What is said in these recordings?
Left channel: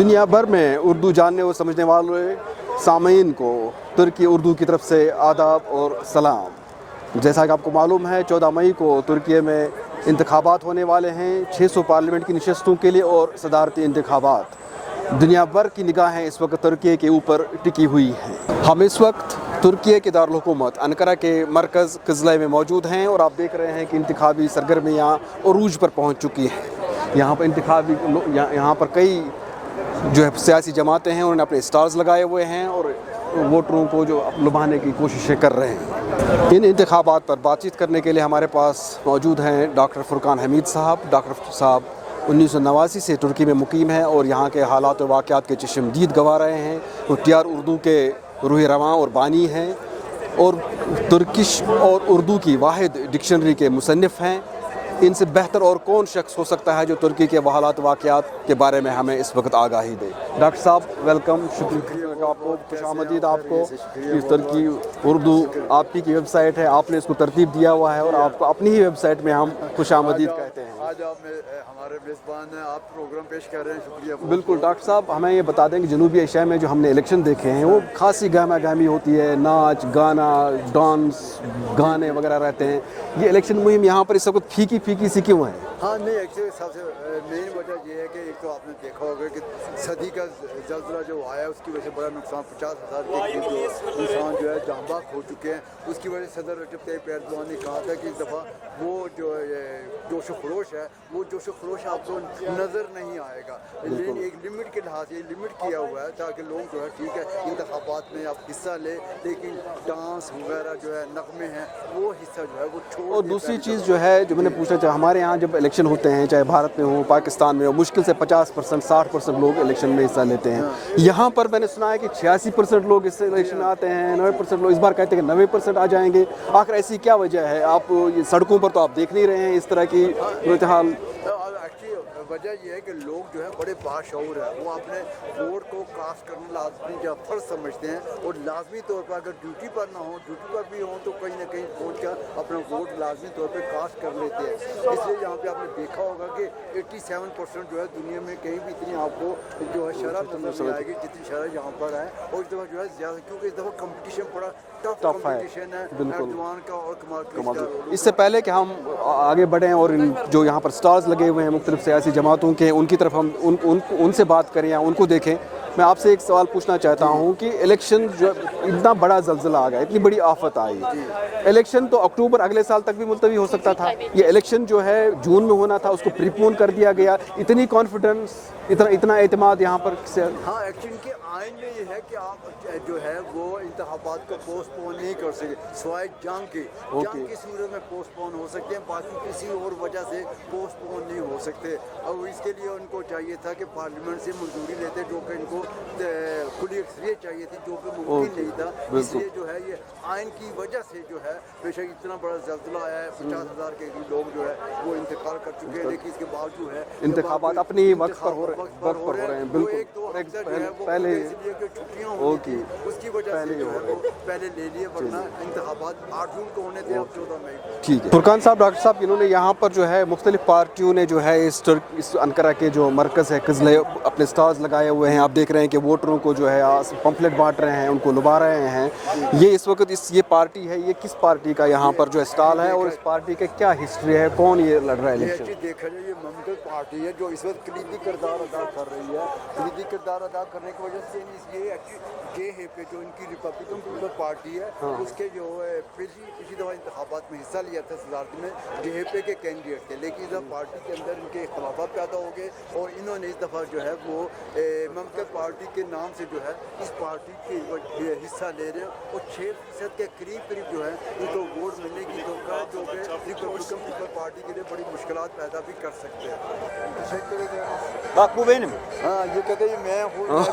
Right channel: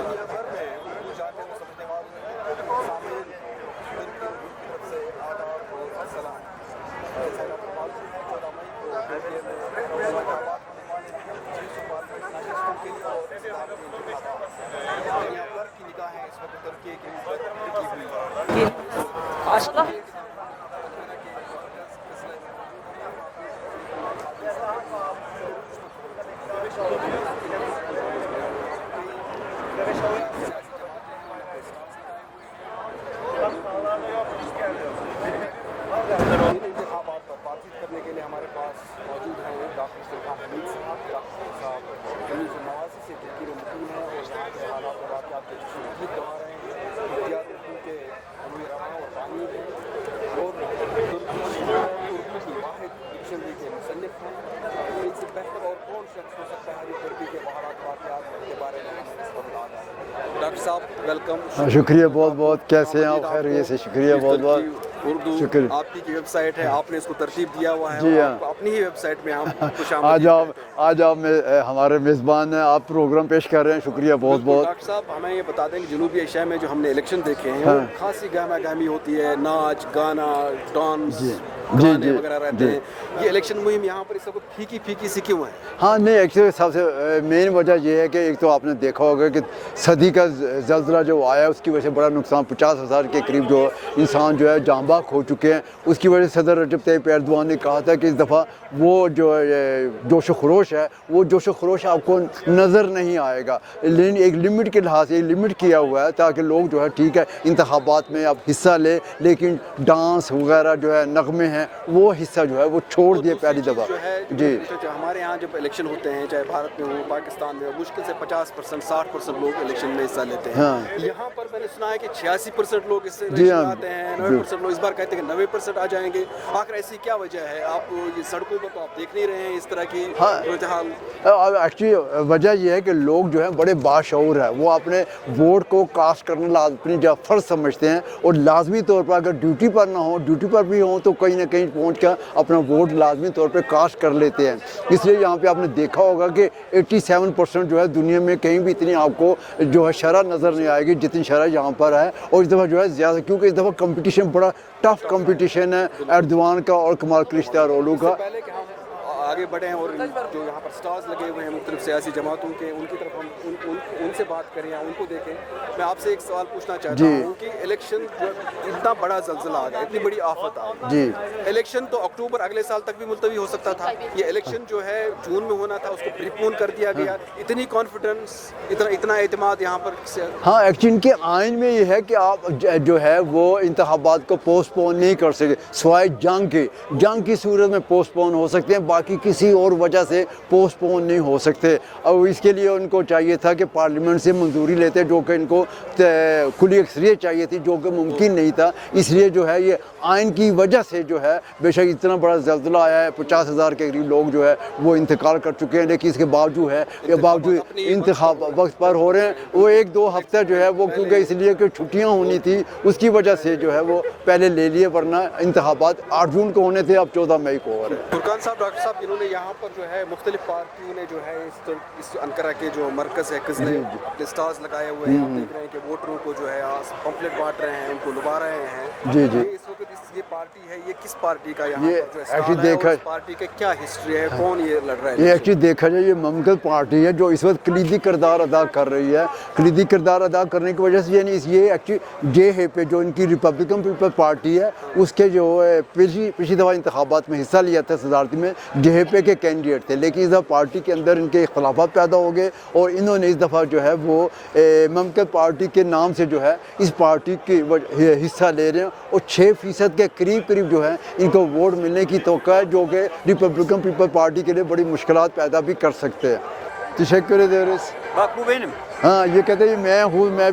دنیا بھر میں اردو جاننے اور سمجھنے والے سامعین کو ترکی اردو کی طرف سے آداب اور سلام۔ جیسا کہ آپ کو معلوم ہے 14 مئی کو ترکی میں انتخابات ہونے والے ہیں، 600 پارلیمنٹ کی نشستوں کے لیے اور صدارتی انتخابات۔ دنیا بھر کی نگاہیں اس وقت ترکی کے اوپر ٹکی ہوئی ہیں۔ ہم اس وقت ترکی کے دارالحکومت انقرہ کے مرکز قزلے میں موجود ہیں اور آپ دیکھ رہے ہیں کہ انتخابی سرگرمیاں عروج پر پہنچ چکی ہیں۔ یہاں پر کئی جو ہے سیاسی جماعتیں ہیں، انہوں نے اپنے سٹالز لگائے ہوئے ہیں اور ووٹروں کو جو لبھانے کی کوششیں کر رہے ہیں۔ ان انتخابات پر بات چیت کرنے کے لیے ہمارے پاس موجود ہیں ڈاکٹر فرقان حمید صاحب۔ ڈاکٹر صاحب 1989 سے ترکی میں مقیم ہیں اور یہاں کے حالات و واقعات کے چشمدید گواہ رہے ہیں۔ وہ TR اردو کے روح رواں اور بانی ہیں اور ترکش اور اردو کی واحد ڈکشنری کے مصنف ہیں۔ ان سے بہتر اور کون شخص ہو سکتا ہے جو ترکی کے حالات واقعات کے بارے میں ہمیں اس وقت آگاہی دے۔ ڈاکٹر صاحب ویلکم، شکریہ بہت بہت، کیسے ہیں آپ؟ خیریت سے، شکریہ بہت بہت۔ ترکی اردو آپ کی ویب سائٹ ہے، آپ نے اس کو ترتیب دیا ہوا ہے اور آپ کو اپنی ہی ویب سائٹ میں ہم خوش آمدید کہتے ہیں۔ آج آپ ہمارے میزبان ہیں، آپ پروگرام پیش کر رہے ہیں، شکریہ بہت بہت۔ ڈاکٹر صاحب ہمیں یہ بتا دیں کہ جنوبی ایشیا میں جو ہم نے الیکشن دیکھے ہیں وہ خاصی گہما گہمی ہوتی ہے، ناچ گانا ڈانس گانے وغیرہ رہتے ہیں۔ یہ الیکشن مہم یہاں پر اس وقت پھیکی پھیکی سی کیوں ہے؟ ہاں نہیں، ایکچولی سب سے مین وجہ یہ ہے کہ ایک تو آپ نے دیکھا ہوگا کہ صدی کا زلزلہ جو آیا اس کی وجہ سے بڑا نقصان، 50,000 کے قریب جو انسان جو ہے جاں بحق ہو چکے ہیں۔ اس کی وجہ سے صدر رجب طیب ایردوان نے کہا تھا کہ اس دفعہ وہ جو جوش و خروش ہے، وہ جوش و خروش آپ کو نظر نہیں آئے گا، لیکن ایک لمٹ کے لحاظ سے لمٹ کیا ہوا ہے تاکہ لوگ جو ہے ٹھیک ہے انتخابات میں اب حصہ لے، لیکن ڈانس وغیرہ جو ہے نغمے ہیں وہ حصہ جو ہے وہ چھوڑ دیے پہلی دفعہ۔ جو ہے جو میں نے پوچھنا چاہا، ہمارے یہاں جب الیکشن ہوتے ہیں چاہے بھارت میں ہو پاکستان میں ہو، مشکل سے 50% 60% لوگ الیکشن میں حصہ لیتے ہیں۔ یہاں پر میں نے سنا ہے کہ 86% لوگ اس سے الیکشن میں آتے ہیں، 90% لوگ اس بار کہتے ہیں کہ 90% آ جائیں گے۔ آخر ایسی کیا وجہ ہے؟ آپ سڑکوں پر تو آپ دیکھ نہیں رہے ہیں اس طرح کی صورتحال؟ ایکچولی وجہ یہ ہے کہ لوگ جو ہیں بڑے باشعور ہیں، وہ اپنے ووٹ کو کاسٹ کرنا اپنی جو فرض سمجھتے ہیں اور لازمی طور پر اگر ڈیوٹی پر نہ ہو، ڈیوٹی پر بھی ہوں تو کہیں نہ کہیں پہنچ کر اپنا ووٹ لازمی طور پہ کاسٹ کر لیتے ہیں۔ اس لیے یہاں پہ آپ نے دیکھا ہوگا کہ 87% جو ہے دنیا میں کہیں بھی اتنی آپ کو جو ہے شرح نظر نہیں آئے گی جتنی شرح یہاں پر ہے، اور اس دفعہ جو ہے زیادہ، کیونکہ اس دفعہ کمپٹیشن بڑا ٹف کمپٹیشن ہے ایردوان کا اور کمال کلچدارولو کا۔ اس سے پہلے کہ ہم آگے بڑھیں اور جو یہاں پر سٹارز لگے ہوئے ہیں مختلف سیاسی جماعتوں کے، ان کی طرف ہم ان سے بات کریں یا ان کو دیکھیں، میں آپ سے ایک سوال پوچھنا چاہتا ہوں کہ الیکشن جو اتنا بڑا زلزلہ آ گیا، اتنی بڑی آفت آئی، الیکشن تو اکتوبر اگلے سال تک بھی ملتوی ہو سکتا تھا، یہ الیکشن جو ہے جون میں ہونا تھا، اس کو پری پون کر دیا گیا۔ اتنی کانفیڈنس، اتنا اعتماد یہاں پر سے؟ ہاں ایکچولی ان کے آئین میں یہ ہے کہ آپ جو ہے وہ انتخابات کو پوسٹ پون نہیں کر سکتے سوائے جنگ کی صورت میں پوسٹ پون ہو سکتے ہیں، باقی کسی اور وجہ سے پوسٹ پون نہیں ہو سکتے۔ اور اس کے لیے ان کو چاہیے تھا کہ پارلیمنٹ سے منظوری لیتے، جو کہ ان کو کھلی اکثریت چاہیے تھی، جو کہ ممکن نہیں تھا۔ اس لیے جو ہے یہ آئین کی وجہ سے جو ہے بے شک اتنا بڑا زلزلہ آیا ہے، 50,000 کے قریب لوگ جو ہے وہ انتقال کر چکے ہیں، لیکن اس کے باوجود انتخاب وقت پر ہو رہے ہیں۔ وہ 1-2 ہفتہ جو ہے وہ کیونکہ اس لیے کہ چھٹیاں ہونی تھی اس کی وجہ سے جو ہے وہ پہلے لے لیے، ورنہ انتخابات 8 جون کو ہونے تھے، اب 14 مئی کو۔ فرقان صاحب، ڈاکٹر صاحب، انہوں نے یہاں پر جو ہے مختلف پارٹیوں نے جو ہے اس انقرہ کے جو مرکز ہے قزلے اپنے سٹالز لگائے ہوئے ہیں، آپ دیکھ رہے ہیں کہ ووٹروں کو جو ہے پمفلٹ بانٹ رہے ہیں، ان کو لبا رہے ہیں۔ یہ اس وقت یہ پارٹی ہے، یہ کس پارٹی کا یہاں پر جو اسٹال ہے، اس پارٹی کا کیا ہسٹری ہے، کون یہ لڑ رہا ہے؟ یہ ایکچولی دیکھا جائے یہ مملکت پارٹی ہے جو اس وقت کلیدی کردار ادا کر رہی ہے۔ کلیدی کردار ادا کرنے کی وجہ سے یعنی یہ ایکچولی JHP جو ان کی ریپبلکن پیپلز پارٹی ہے، اس کے جو پچھلی دفعہ انتخابات میں حصہ لیا تھا صدارتی میں، JHP کے کینڈیڈیٹ تھے، لیکن اس دفعہ پارٹی کے اندر ان کے اختلافات پیدا ہو گئے اور انہوں نے اس دفعہ جو ہے وہ مملکت پارٹی کے نام سے جو ہے اس پارٹی کی حصہ لے رہے ہیں اور 6% کے قریب جو ہے ان کو ووٹ ملنے کی توقع ہے، جو کہ ریپبلکن پیپل پارٹی کے لیے بڑی مشکلات پیدا بھی کر سکتے ہیں۔ تشکر دیرس باقو بینم، ہاں یہ کہتے ہیں میں ہوں، میں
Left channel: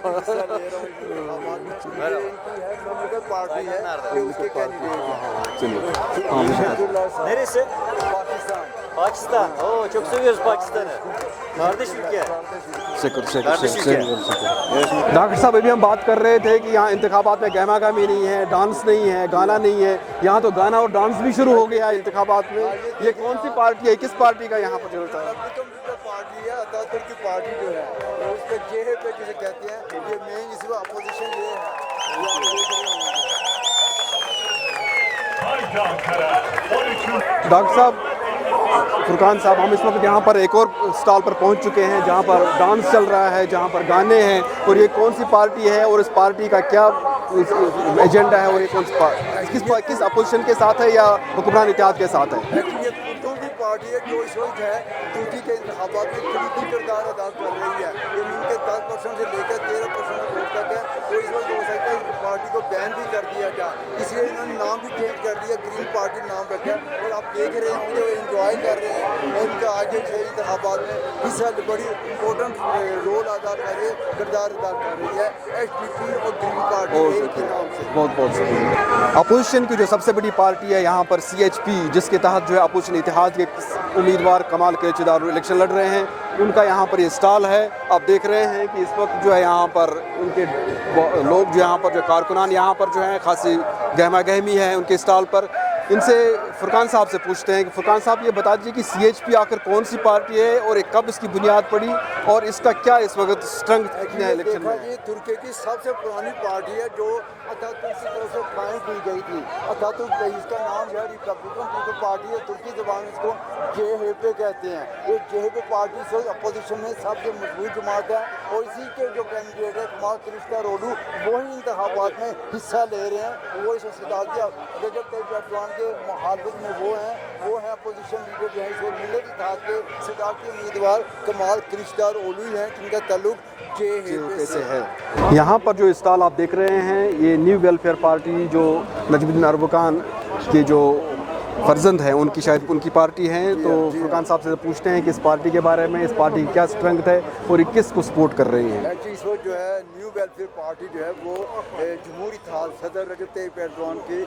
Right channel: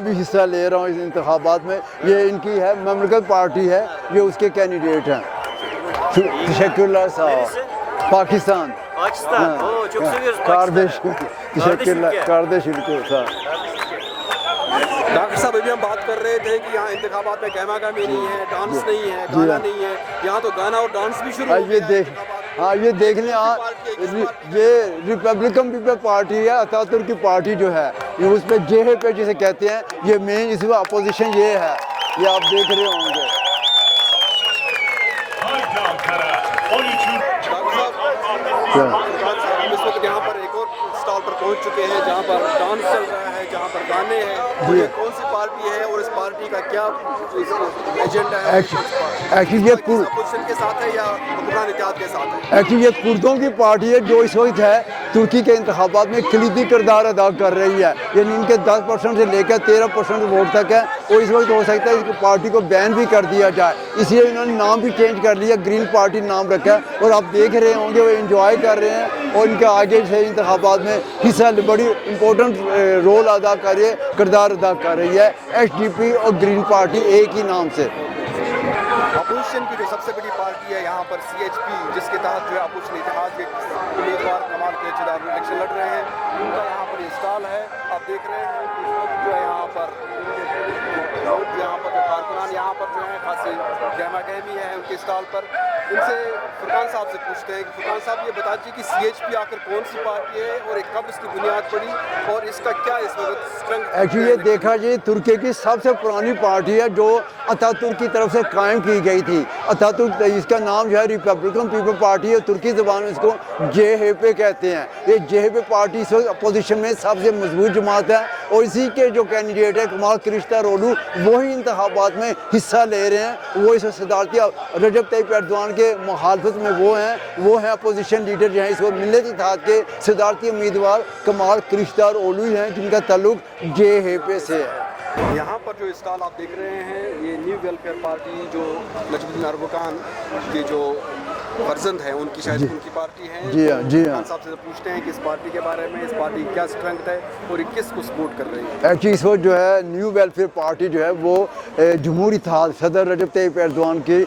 بھی حصہ لے رہا ہوں اس انتخابات میں، یہ ان کی ہے مملکت پارٹی ہے، یہ اس کے کینڈیڈیٹ ہیں۔ تشکر اللہ صاحب۔ Pakistan. Pakistan. Oo, çok seviyoruz Kardeş. Pakistan'ı. Teşekkürler. ülke. Kardeş ülke. Doctor साहब अभी हम बात कर रहे थे कि यहाँ इंतखाबात में गहमा गहमी नहीं है, डांस नहीं है, गाना नहीं है। यहाँ तो गाना और डांस भी शुरू हो गया है इंतखाबात में। हाँ ये देख लें कौन सी आप, पार्टी है, किस पार्टी का ये यहाँ पर? रिपब्लिकन पीपल पार्टी है, अतातुर्क की पार्टी जो है ये उसमें JHP जिसे कहते हैं, ये मेन इसमें अपोजिशन ये है, ये आप देख रहे होंगे। डॉक्टर साहब, फुरकान साहब, हम इस वक्त यहाँ पर एक और स्टॉल पर पहुँच चुके हैं जहाँ पर डांस चल रहा है, जहाँ पर गाने हैं, और ये कौन सी पार्टी है और इस पार्टी का क्या एजेंडा है? किस अपोजिशन के साथ है या हुक्मरान इत्तेहाद के साथ है? एक्चुअली ये कुर्दों की पार्टी है जो इस वक्त है तुर्की के इंतखाबात में कलीदी किरदार अदा कर रही है, यानी इनके 10% से लेकर 13% वोट तक है, और इस वक्त हो सकता है इस पार्टी को बैन भी कर दिया जाए, इसलिए इन्होंने नाम भी चेंज कर लिया, ग्रीन पार्टी नाम रखा है, और आप देख रहे होंगे वो एंजॉय कर रहे हैं, और इनके आगे से इंतखाबात में हिस्सा बड़ी इंपॉर्टेंट रोल अदा कर रही है, किरदार अदा कर रही है SDP और ग्रीन पार्टी एक ही नाम से। बहुत बहुत शुक्रिया। अपोजिशन की जो सबसे बड़ी पार्टी है यहाँ पर CHP, जिसके तहत जो है अपोजिशन इत्तेहाद के उम्मीदवार कमाल केचदार इलेक्शन लड़ रहे हैं, उनका यहाँ पर ये स्टॉल है। आप देख रहे हैं कि इस वक्त जो है यहाँ पर उनके लोग जो यहाँ पर जो कारकुनान यहाँ पर जो है खासी गहमा गहमी है उनके स्टॉल पर। इनसे फुरकान साहब से पूछते हैं कि फुरकान साहब ये बता दीजिए कि CHP आखिर कौन सी पार्टी है और कब इसकी बुनियाद पड़ी और इसका क्या इस वक्त स्ट्रेंथ? एक्चुअली देखा जी तुर्की की सबसे पुरानी पार्टी है जो अतातुर्क की तरफ से कायम की गई थी। अतातुर्क इसका नाम जो है रिपब्लिकन पीपल पार्टी है, तुर्की ज़बान में इसको JHP कहते हैं। ये JHP पार्टी इस वक्त अपोजिशन में सबसे मजबूत जमात है, और इसी के जो कैंडिडेट है कमाल किलिचदारोगलू वही इंतखाबात में हिस्सा ले रहे हैं। वो इस सदारती रजब तय्यिप एर्दोगान के मुखालफत में वो है अपोजिशन लीडर जो है इस वक्त मिल्लत इत्तेहाद के सदारती उम्मीदवार कमाल किलिचदारोगलू हैं, जिनका ताल्लुक JHP से है। यहाँ पर जो स्टॉल आप देख रहे हैं ये न्यू वेलफेयर पार्टी जो नजमुद्दीन अरबकान के जो फर्जंद हैं उनकी शायद उनकी पार्टी है। तो फुरकान साहब से पूछते हैं कि इस पार्टी के बारे में, इस पार्टी की क्या स्ट्रेंथ है और ये किस को सपोर्ट कर रही है? एक्चुअली इस वक्त जो है न्यू वेलफेयर पार्टी जो है वो जमहूरी इत्तेहाद सदर रजब तय्यिप एर्दोगान के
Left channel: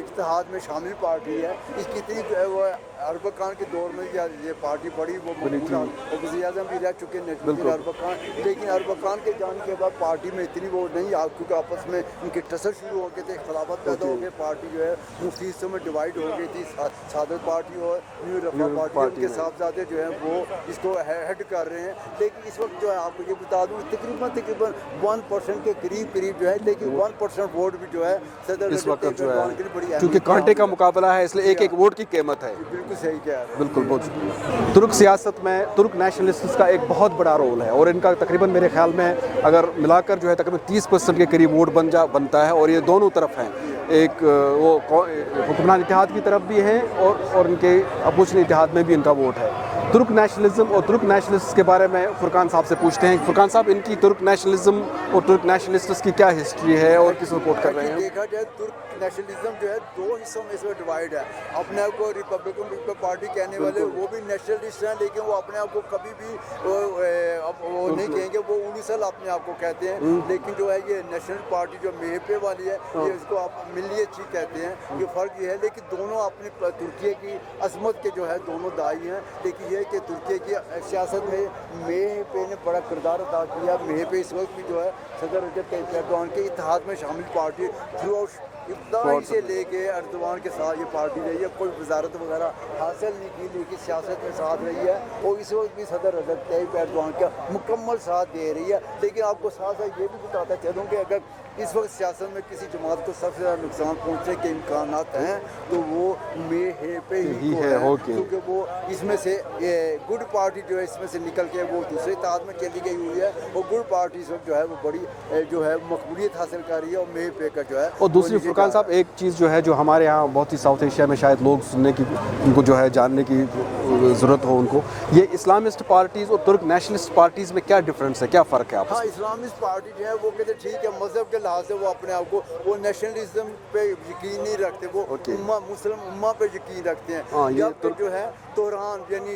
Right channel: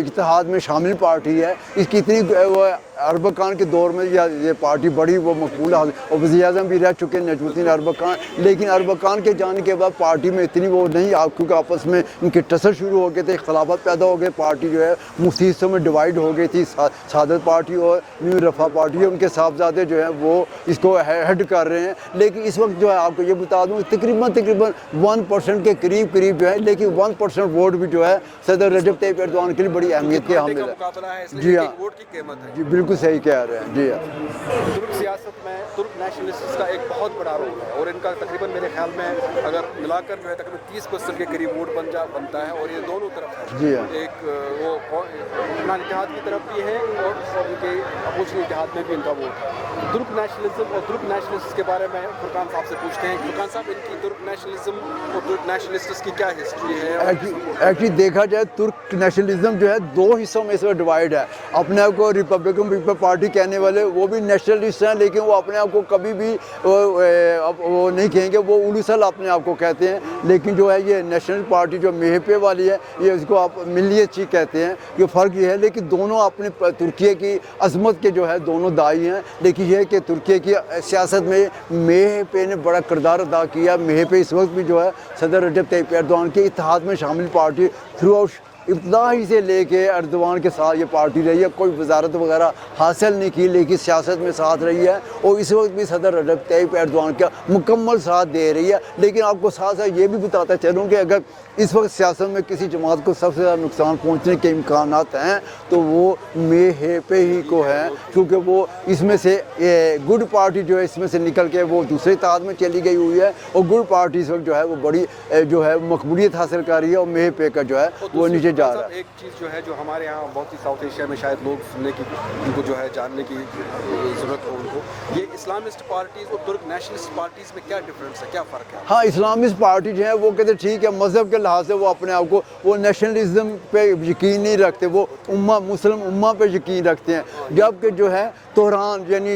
इत्तेहाद में शामिल पार्टी है। इसकी इतनी वो अरबकान के दौर में ये पार्टी बड़ी वो मकबूल और वज़ीर आज़म भी रह चुके हैं नजमुद्दीन अरबकान, लेकिन अरबकान के जाने के बाद पार्टी में इतनी वो नहीं, क्योंकि आपस में इनके टसल शुरू हो गए थे, इख्तलाफात पैदा हो गए, पार्टी जो है मुख्तलिफ हिस्सों में डिवाइड हो गई थी। सादत पार्टी और न्यू रफा पार्टी उनके साहबजादे जो हैं वो इसको हेड कर रहे हैं। लेकिन इस वक्त जो है आपको ये बता दूँ तकरीबन 1% के करीब जो है, लेकिन 1% वोट भी जो है सदर रजब तय्यिप एर्दोगान के लिए बड़ी अहमियत है। घंटे का मुकाबला है इसलिए एक वोट की कीमत है। बिल्कुल सही कह रहे हैं। तुर्क सियासत में तुर्क नेशनलिस्ट का एक बहुत बड़ा रोल है और इनका तकरीबन मेरे ख्याल में अगर मिलाकर जो है तकरीबन 30% के करीब वोट बनता है, और ये दोनों तरफ है। एक वो हुक्मरान इत्तेहाद की तरफ भी है और उनके अपोजिशन इत्तेहाद में भी उनका वोट है। तुर्क नेशनलिज्म और तुर्क नेशनलिस्ट के बारे में फुरकान साहब से पूछते हैं। फुरकान साहब, इनकी तुर्क नेशनलिज्म और तुर्क नेशनलिस्ट की क्या हिस्ट्री है और किस सपोर्ट करते हैं? एक्चुअली देखा जाए तुर्क नेशनलिज्म जो है दो हिस्सों में इसमें डिवाइड है। अपने आप को रिपब्लिकन पीपल पार्टी कहने वाले वो भी नेशनलिस्ट हैं, लेकिन वो अपने आप को कभी भी वो नहीं कहेंगे, वो उलूसल अपने आप को कहते हैं। लेकिन जो है ये नेशनल पार्टी जो MHP वाली है ये उसको आप मिल्लियतची कहते हैं। ये फ़र्क ये है, लेकिन दोनों अपने तुर्की की अजमत के जो है दोनों दाई हैं। लेकिन ये है कि तुर्की की सियासत में MHP ने बड़ा किरदार अदा किया। MHP इस वक्त भी जो है सदर रजब तय्यिप एर्दोगान के इत्तेहाद में शामिल पार्टी थ्रू आउट इब्तदाई से लेके एर्दोगान के साथ ये पार्टी रही है। कोई वजारत वगैरह हासिल नहीं की, लेकिन सियासत में साथ रही है और इस वक्त भी सदर रजब तय्यिप एर्दोगान का मुकम्मल साथ दे रही है। लेकिन आपको साथ साथ ये भी बताता चलूँ कि अगर इस वक्त सियासत में किसी जमात को सबसे ज़्यादा नुकसान पहुँचने के इम्कानात हैं तो वो MHP ही को है, क्योंकि वो इसमें से गुड पार्टी जो है इसमें से निकल के वो दूसरे इत्तेहाद में चली गई हुई है, और गुड पार्टी इस वक्त जो है वो बड़ी जो है मकबूलियत हासिल कर रही है, और MHP का जो है वो नीचे जा रहा है। एक चीज़ जो है जो हमारे यहाँ बहुत ही साउथ एशिया में शायद लोग सुनने की, उनको जो है जानने की ज़रूरत हो उनको, ये इस्लामिस्ट पार्टीज़ और तुर्क नेशनलिस्ट पार्टीज़ में क्या डिफरेंस है, क्या फ़र्क है? हाँ, इस्लामिस्ट पार्टी जो है वो कहते ठीक है मज़हब के लिहाज से वो अपने आप को वो नेशनलिज्म पे यकीन नहीं रखते, वो उम्मा मुस्लिम उम्मा पे यकीन रखते हैं। जबकि जो है तुरान यानी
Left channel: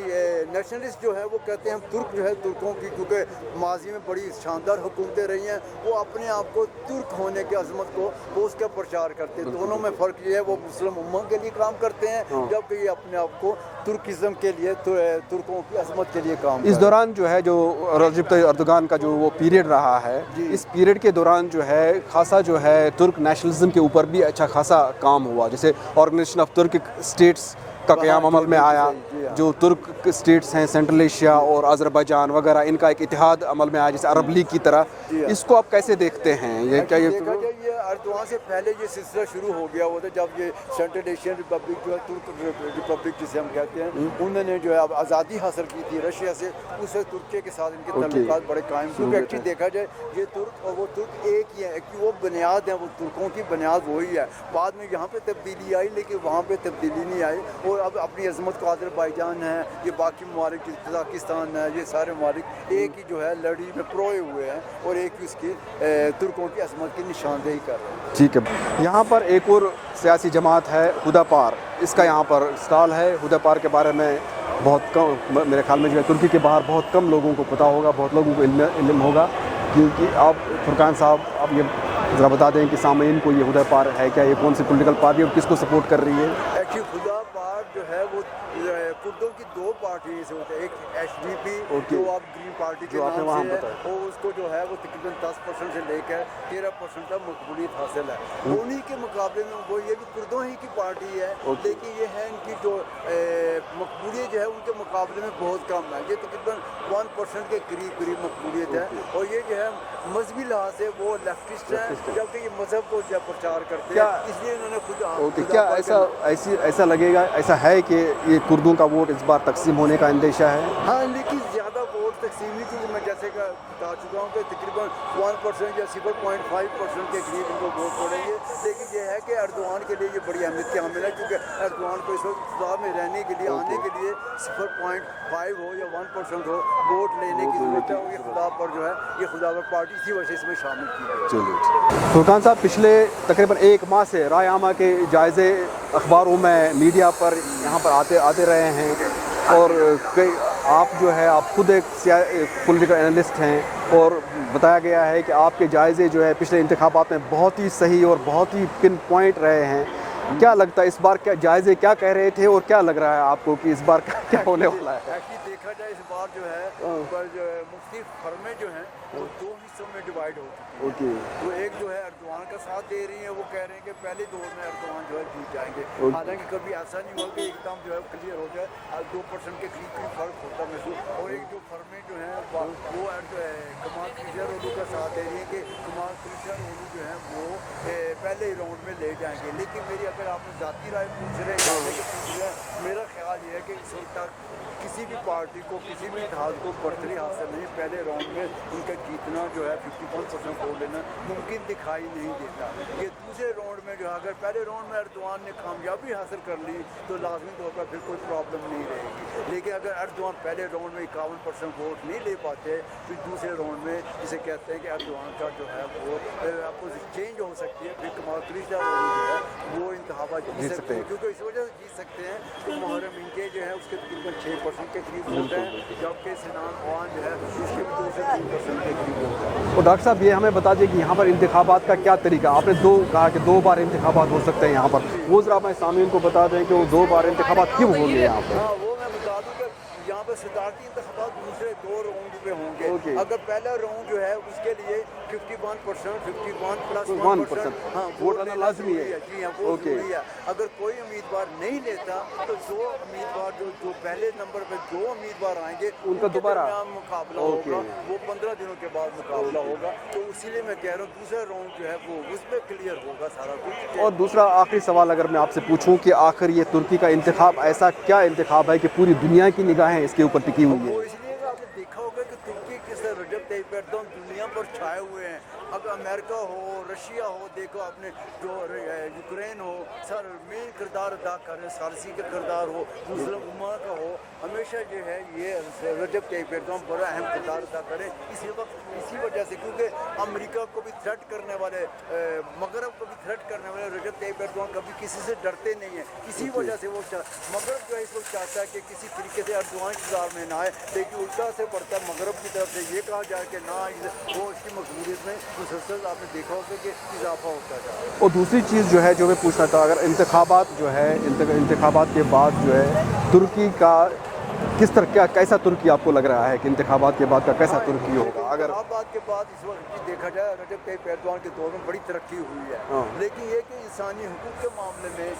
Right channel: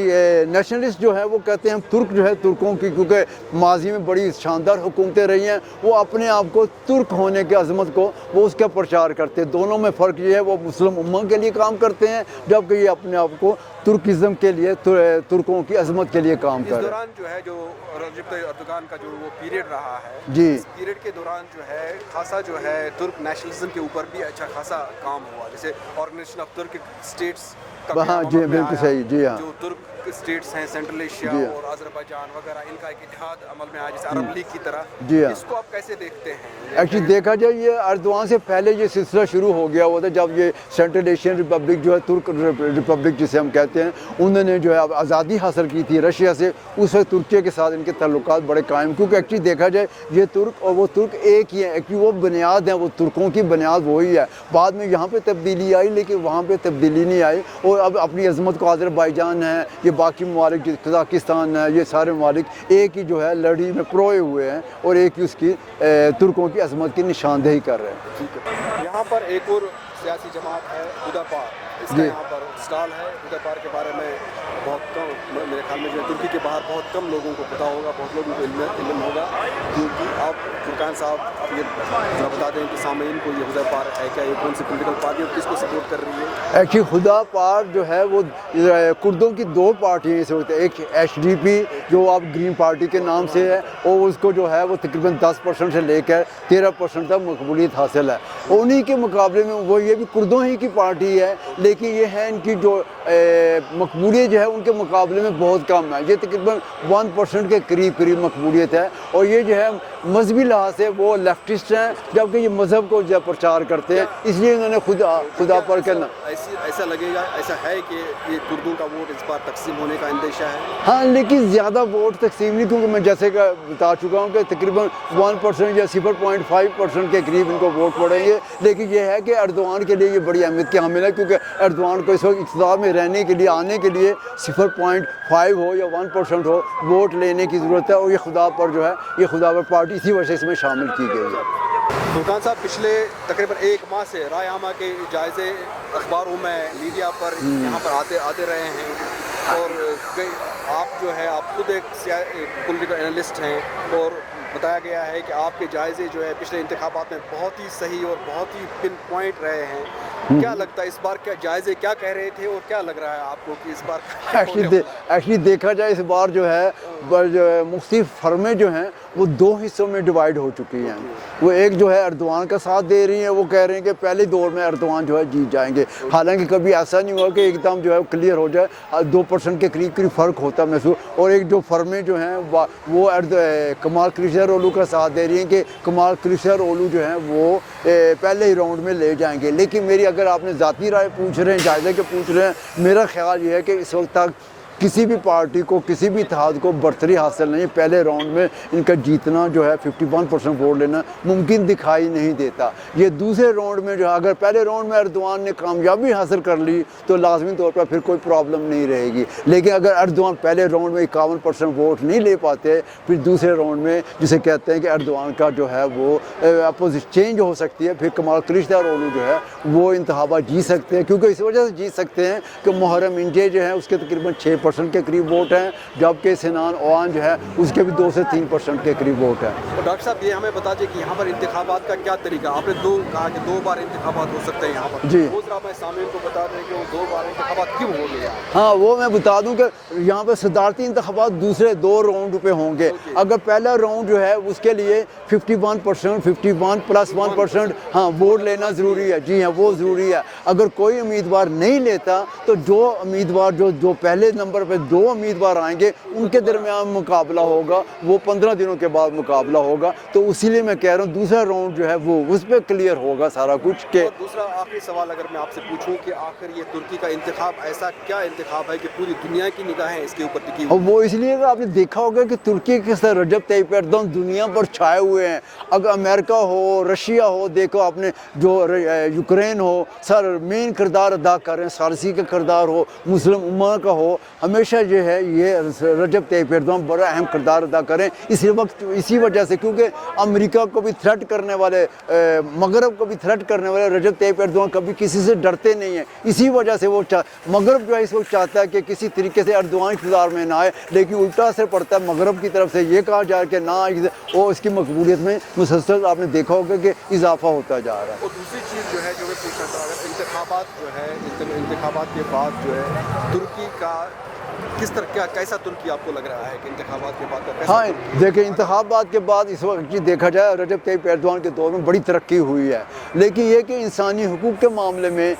नेशनलिस्ट जो है वो कहते हैं हम तुर्क जो है तुर्कों की, क्योंकि माजी में बड़ी शानदार हुकूमतें रही हैं, वो अपने आप को तुर्क होने की अजमत को वो उसका प्रचार करते हैं। दोनों में फ़र्क ये है वो मुस्लिम उम्मा के लिए काम करते हैं, जबकि ये अपने आप को तुर्किज़म के लिए तुर्कों की अजमत के लिए काम इस दौरान जो है जो रजब तय्यब अर्दोगान का जो वो पीरियड रहा है जी, इस पीरियड के दौरान जो है खासा जो है तुर्क नेशनलिज्म के ऊपर भी अच्छा खासा काम हुआ, जैसे ऑर्गेनाइजेशन ऑफ तुर्क स्टेट्स का क़याम अमल में आया, जो तुर्क स्टेट्स हैं सेंट्रल एशिया और अज़रबैजान वगैरह, इनका एक इतिहाद अमल में आया जैसे अरब लीग की तरह। इसको आप कैसे देखते हैं? एक्चुअली देखा जाए ये अर्दवान से पहले ये सिलसिला शुरू हो गया हुआ था, जब ये सेंट्रल एशियन रिपब्लिक जो है तुर्क रिपब्लिक जिसे हम कहते हैं, उन्होंने जो है आज़ादी हासिल की थी रशिया से, उस वक्त तुर्की के साथ इनके ताल्लुकात बड़े कायम, क्योंकि एक्चुअली देखा जाए ये तुर्क और वो तुर्क एक ही है, एक्चुअली वो बुनियाद है, वो तुर्कों की बुनियाद वही है। बाद में यहाँ पे तब्दीली आई लेकिन वहाँ पे तब्दीली नहीं आई, और अब अपनी अजमत को अज़रबैजान है, ये बाकी ममालिक कज़ाकिस्तान है, ये सारे ममालिक एक ही जो है लड़ी में प्रोए हुए हैं और एक ही उसकी तुर्कों की अजमत की निशानदेही कर रहे हैं। ठीक है, यहाँ पर एक और सियासी जमात है हुदापार, इसका यहाँ पर स्टॉल है। हुदापार के बारे में बहुत कम, मेरे ख्याल में जो है तुर्की के बाहर बहुत कम लोगों को पता होगा, बहुत लोगों को इल्म होगा, क्योंकि आप फुरकान साहब आप ये ज़रा बता दें कि सामीन को ये हुदापार है क्या, ये कौन सी पॉलिटिकल पार्टी और किसको सपोर्ट कर रही है? एक्चुअली हुदापार जो है वो कुर्दों की दो पार्टियाँ से होती है, एक HDP जो आप ग्रीन पार्टी के नाम से है, और उसको जो है वो तकरीबन 10% से लेकर 13% तक मकबूलियत हासिल है। उन्हीं के मुकाबले में वो ये भी कुर्दों ही की पार्टी है, लेकिन ये है इनकी जो मकबूलियत जो है उनके मुकाबले में बहुत कम है, ये तकरीबन 1% के करीब मकबूलियत है, और ये जो है मजहबी लिहाज से वो लेफ्टिस्ट हैं, जबकि ये मज़हब को जो प्रचार करते हैं, इसलिए इन्होंने खुदा पर ऐसा लगेगा, ऐसा है कि ये कुर्दों का वोट इस बार तकसीम होने का अंदेशा है? हाँ, लेकिन ज़्यादा वोट तकसीम नहीं, क्योंकि मैं जैसे कि बता चुका हूँ कि तकरीबन 1% या 0.5% के करीब इनको वोट पड़ेंगे, लेकिन ये है कि अर्दवान के लिए ये बड़ी अहमियत के हामिल है, क्योंकि अर्दवान को इस वक्त इक़्तिदार में रहने के लिए आने के लिए 0.5 हो या 1% हो वोट लेने की ज़रूरत है, और ये खुदा पर जो है ये खुदा पर पार्टी इसी वजह से इसमें शामिल की गई है। फुरकान साहब, पिछले तकरीबन 1 माह से राय आमा के जायज़े अखबारों में मीडिया पर यहाँ पर आते रहे हैं, और आप जो है आप खुद एक पॉलिटिकल एनालिस्ट हैं, और बताया गया है कि आपके जायज़े जो है पिछले इंतखाबात में बहुत ही सही और बहुत ही पिन पॉइंट रहे हैं। क्या लगता है इस बार क्या जायज़े क्या कह रहे थे, और क्या लग रहा है आपको कि इस बार क्या होने वाला है? एक्चुअली देखा जाए इस बार जो है मुख्तलिफ फर्में जो हैं वो 2 हिस्सों में डिवाइड हो चुकी हैं। वो एक जो है अर्दवान का साथ दे रही हैं, वो कह रहे हैं कि पहले दौर में अर्दवान जो है जीत जाएंगे, हालांकि कभी ऐसा नहीं हुआ कि एकदम जो है क्लियर हो जाए, 2% के करीब फ़र्क होता महसूस। और एक जो फर्में जो हैं वो कमाल क्लिशदारोग्लू का साथ दे रही हैं कि कमाल क्लिशदारोग्लू जो हैं वो पहले ही राउंड में ले जाएंगे। लेकिन मेरी अगर आपने ज़ाती राय पूछ रहे हैं, जायज़े के पूछ रहे हैं, मेरा ख्याल ये है कि इस वक्त तक किसी भी पार्टी को, किसी भी इत्तेहाद को बरतरी हासिल नहीं, पहले राउंड में इनका जीतना जो है 51% वोट लेना मुमकिन दिखाई नहीं देता। ये दूसरे राउंड में जो है अगर पहले राउंड में अर्दवान ने कामयाबी हासिल कर ली तो लाजमी तौर पर फिर कोई प्रॉब्लम नहीं रहेगी, लेकिन अगर अर्दवान पहले राउंड में 51% वोट नहीं ले पाते, फिर दूसरे राउंड में जिसे कहते हैं कि अर्दवान का जो है वो अपोजिट चेंज हो सकती है, फिर कमाल क्लिशदारोग्लू जो है वो इंतखाबात जीत सकते हैं। क्योंकि इस वजह से जीत सकते हैं कि मुहर्रम इंजे जो है उसके तकरीबन 6% के करीब वोट हैं, जबकि सिनान ओआन जो है उसके भी 2 से 3% के करीब वोट है। तो डॉक्टर साहब ये हमें बता दीजिए कि यहाँ पर इंतखाबात का क्या तरीका, आपने कहा कि 2 बार इंतखाबात हो सकते हैं यहाँ पर जी, वो जरा मैं सामीन को बता दें कि वो 2 बार इंतखाबात क्यों होंगे यहाँ पर? हाँ, वो मैं बता दूं कि यहाँ पर सदारती इंतखाबात दूसरे 2 राउंड पे होंगे। अगर पहला राउंड जो है उसके लिए 51%, 51 + 1% हाँ वोट लेना ज़रूरी है। जी हाँ, वो ज़रूरी है। अगर कोई उम्मीदवार नहीं लेता तो जो उम्मीदवार जो पहले नंबर पे 2 उम्मीदवार आएंगे उनके दरमियान मुकाबला होगा, वो 15 दिनों के बाद मुकाबला होगा। तो इसीलिए मैं कह रहा हूँ दूसरा राउंड जो है वो उस पर क्लियर होगा सारा कुछ के। और दूसरा आखिरी सवाल अगर मैं आपसे पूछूं कि आखिर ये तुर्की का इंतखाब ऐसा क्या इंतखाब है कि पूरी दुनिया की निगाहें इसके ऊपर टिकी हुई? और वो इसलिए आपने देखा होगा कि तुर्की के साथ रजब तय्यब एर्दोगान दुनिया पर छाए हुए हैं। अगर अमेरिका हो, रशिया हो, देखो आपने जो यूक्रेन हो, सर मेन किरदार अदा कर रहे हैं, सारसी का किरदार हो, मुस्लिम उम्मा का हो, ہمیشہ جو ہے یہ رجب طیب ایردوان بڑا اہم کردار ادا کریں اسی وجہ سے، کیونکہ امریکہ کو بھی تھریٹ کرنے والے، مغرب کو بھی تھریٹ کرنے والے رجب طیب ایردوان کبھی کسی سے ڈرتے نہیں ہیں. اسی وجہ سے وہ مغرب جو ہے اس وقت چاہتا ہے کہ کسی طریقے سے ایردوان اقتدار میں نہ آئے، لیکن الٹا اثر پڑتا ہے مغرب کی طرف سے یہ کہا جائے کہ نہ، وہ اس کی مقبولیت میں مسلسل آپ نے دیکھا ہوگا کہ اضافہ ہوتا جا رہا ہے. اور دوسری چیز جو ہے جو میں پوچھنا تھا، اگر انتخابات جو ہے انتخابات کے بعد جو ہے ترکی کا کس طرح کیسا ترکی آپ کو لگ رہا ہے کہ انتخابات کے بعد کا کیسا ترکی؟ دیکھیں انتخابات کے بعد اس وقت جی دیکھا جائے رجب طیب ایردوان کے دور میں بڑی ترقی ہوئی ہے، لیکن یہ کہ انسانی حقوق کے معاملے میں،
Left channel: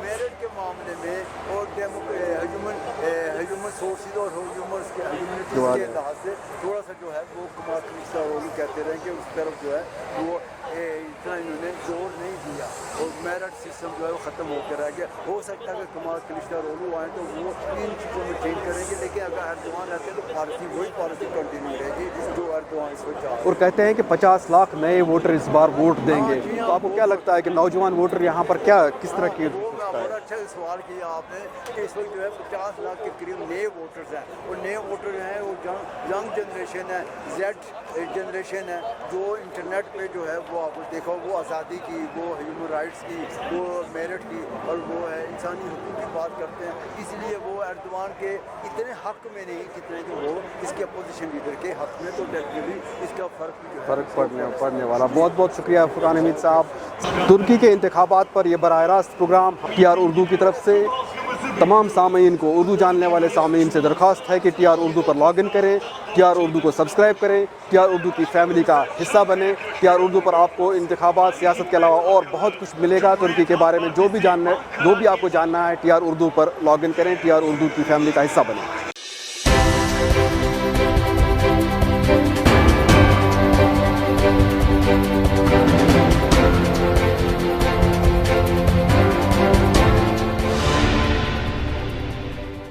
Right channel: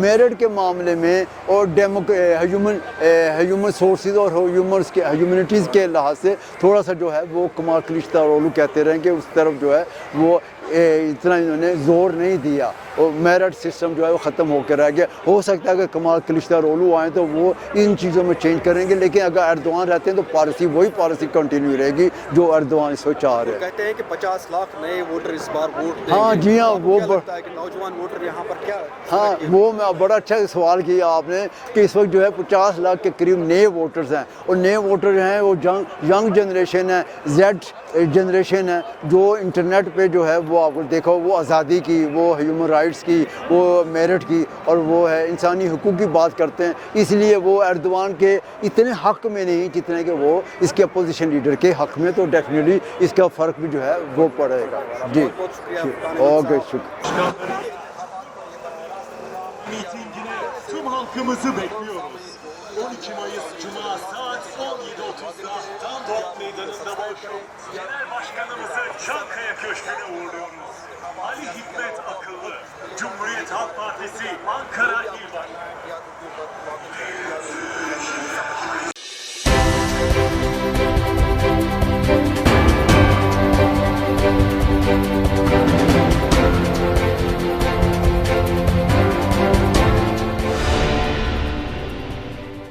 میرٹ کے معاملے میں، اور ہیومن سورسز اور ہیومنٹیز کے لحاظ سے تھوڑا سا جو ہے وہ کمال کلچدارولو کہتے رہیں کہ اس طرف جو ہے وہ اتنا انہوں نے زور نہیں دیا، اور میرٹ سسٹم جو ہے وہ ختم ہو کے رہ گیا. ہو سکتا ہے کہ کمال کلچدارولو آئیں تو وہ ان چیزوں میں چینج کریں گے، لیکن اگر ایردوان رہتے ہیں تو وہی پالیسی کنٹینیو رہے گی جو ایردوان اس وقت چاہ رہے ہیں. اور کہتے ہیں کہ 50 لاکھ نئے ووٹر اس بار ووٹ دیں گے. ہاں جی ہاں، وہ کیا لگتا ہے کہ نوجوان ووٹر یہاں پر کیا کس طرح کے؟ وہ بڑا اچھا سوال کیا آپ نے کہ اس وقت جو ہے 50 لاکھ کے قریب نئے ووٹرز ہیں، اور نئے ووٹر ہیں وہ ینگ جنریشن ہے، زیڈ جنریشن ہے، جو انٹرنیٹ پہ جو ہے وہ آپ کو دیکھا وہ آزادی کی، وہ ہیومن رائٹس کی، وہ میرٹ کی، اور وہ ہے انسانی حقوق کی بات کرتے ہیں. اس لیے وہ ایردوان کے اتنے حق میں نہیں جتنے کہ وہ اس کے اپوزیشن لیڈر کے حق میں، تو ڈیفینیٹلی اس کا فرق بھی جو ہے وہ پڑے گا. بہت بہت شکریہ فرقان احمد صاحب. ترکی کے انتخابات پر یہ براہ راست پروگرام ٹی آر اردو کی طرف سے تمام سامعین کو، اردو جاننے والے سامعین سے درخواست ہے کہ T R Urdu per log in کریں، ٹی آر اردو کو سبسکرائب کریں، ٹی آر اردو کی فیملی کا حصہ بنیں. ٹی آر اردو پر آپ کو انتخابات، سیاست کے علاوہ اور بہت کچھ ملے گا. ترکی کے بارے میں جو بھی آپ کو جاننا ہے T R Urdu per log in کریں، ٹی آر اردو کی فیملی کا حصہ بنیں.